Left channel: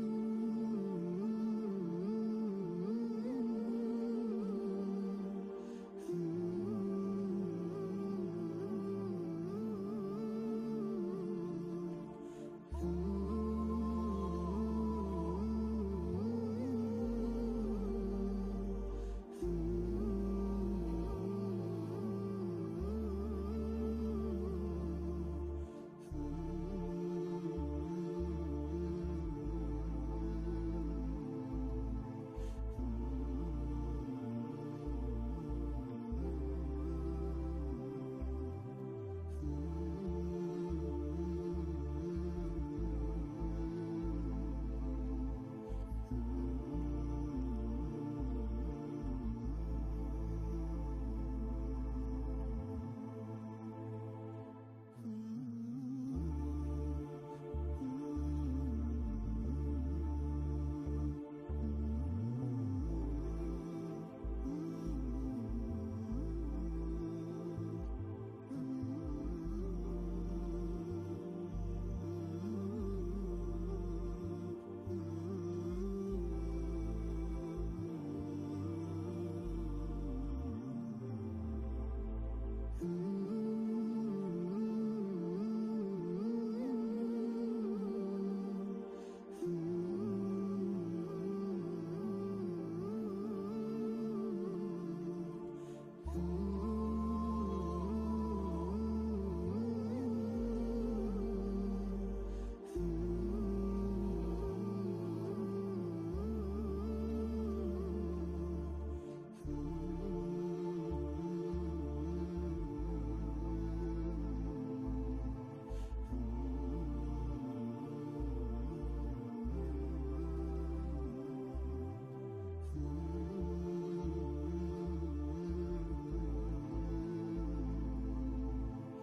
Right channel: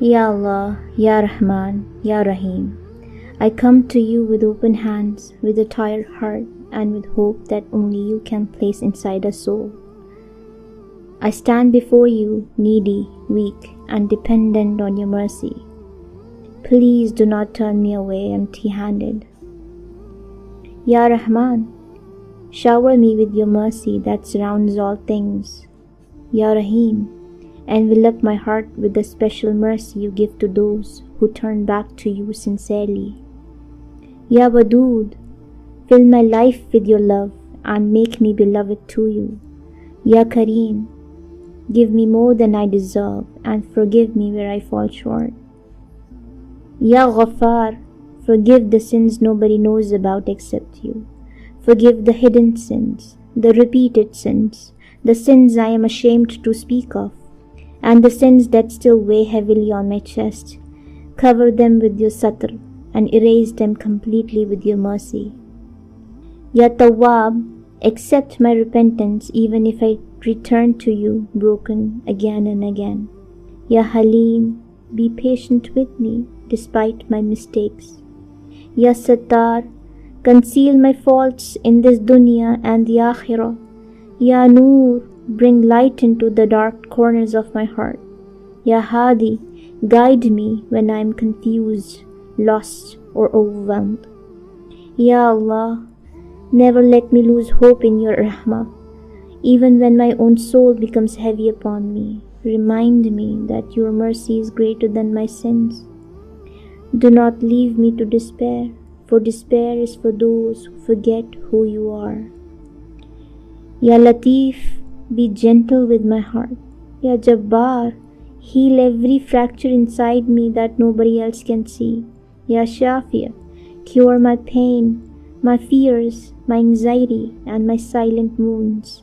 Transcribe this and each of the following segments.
Ya Allah, Ya Rahman, Ya Rahim, I come to you with open hands, with a tired heart, and with hope that only you can place inside a soul. I stand before you, needy, weak, and dependent on your mercy. Please do not turn me away empty-handed. Ya Rahman, shower me with your mercy that surrounds all things. Ya Rahim, envelop my heart with the special mercy you give to those who turn back to you sincerely. Ya Wadood, fill my life with your love and make me beloved to you. Ya Kareem, give me more than I deserve and forgive me where I fall short. Ya Ghaffar, forgive the sins nobody knows about except you. Forgive the hidden sins, the repeated sins, the sins I am ashamed to speak of, and the sins that still weigh heavily on my chest. Cover them with your satr and erase them completely with your mercy. Ya Tawwab, accept my repentance even if I return to you broken again and again. Ya Halim, be patient with me despite my mistakes. Ya Sattar, conceal my faults in this dunya and the akhirah. Ya Noor, bring light into the dark corners of my heart. Ya Hadi, guide me when I am confused, lost, or overwhelmed. Ya Allah, never let me lose hope in your rahmah. Even when my own soul becomes heavy upon me, remind me that your mercy is greater than my sins. Do not leave me to despair, for despair is for those who forget who you are. Ya Latif, be gentle with my heart. Ya Jabbar, heal every fracture inside me that nobody else can see. Ya Shafia, cure my pain, my fears, my anxiety, and my silent wounds.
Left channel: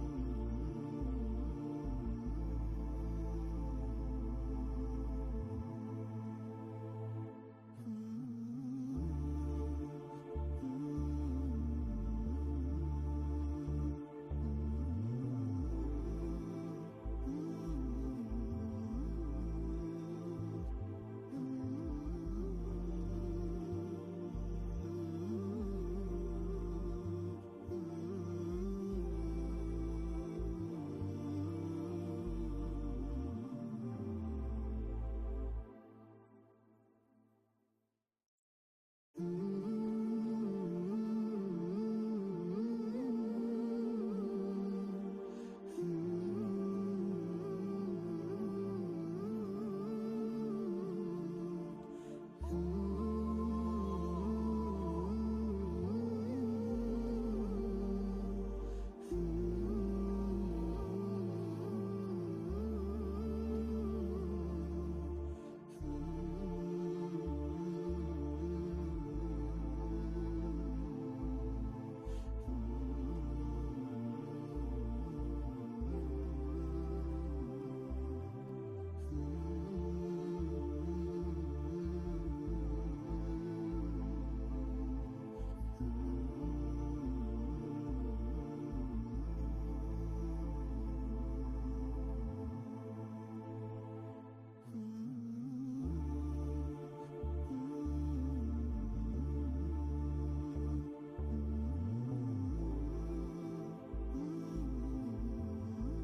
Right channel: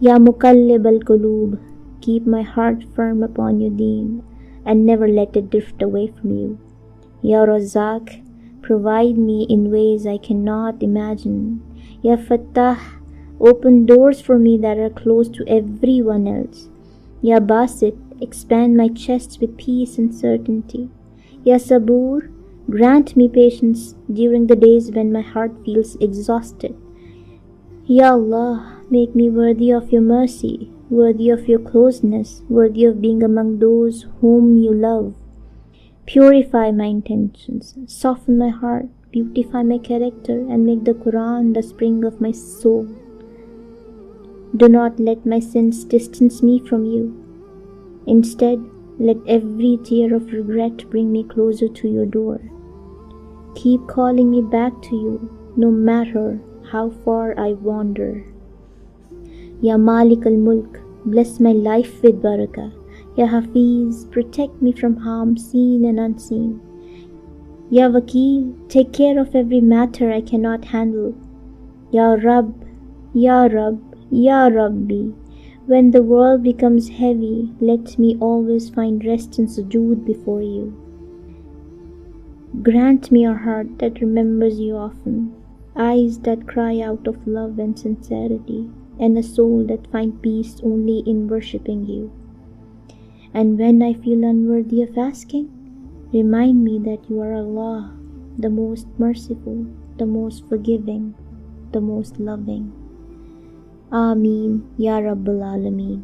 Ya Muqallib al-Qulub, keep my heart firm upon your deen and never let it drift away from you. Ya Razak, provide me in ways I cannot imagine. Ya Fattah, open doors for me that are closed to everyone else. Ya Basit, expand my chest with peace and certainty. Ya Sabur, grant me patience during the days when my heart feels exhausted. Ya Allah, make me worthy of your mercy, worthy of your closeness, worthy of being among those whom you love. Purify my intentions, soften my heart, beautify my character, and make the Quran the spring of my soul. Do not let my sins distance me from you. Instead, let every tear of regret bring me closer to your door. Keep calling me back to you, no matter how far I wander. Ya Malik al-Mulk, bless my life with barakah. Ya Hafiz, protect me from harm seen and unseen. Ya Wakil, take care of every matter I cannot handle. Ya Rabb, Ya Rabb, Ya Rabbi, when the world becomes heavy, let me always find rest in sujoode before you. Grant me a heart that remembers you often, eyes that cry out of love and sincerity, and a soul that finds peace only in worshipping you. And when I feel unworthy of asking, remind me that you are Allah, the most merciful, the most forgiving, the most loving. Ameen, Ya Rabbal Alameen.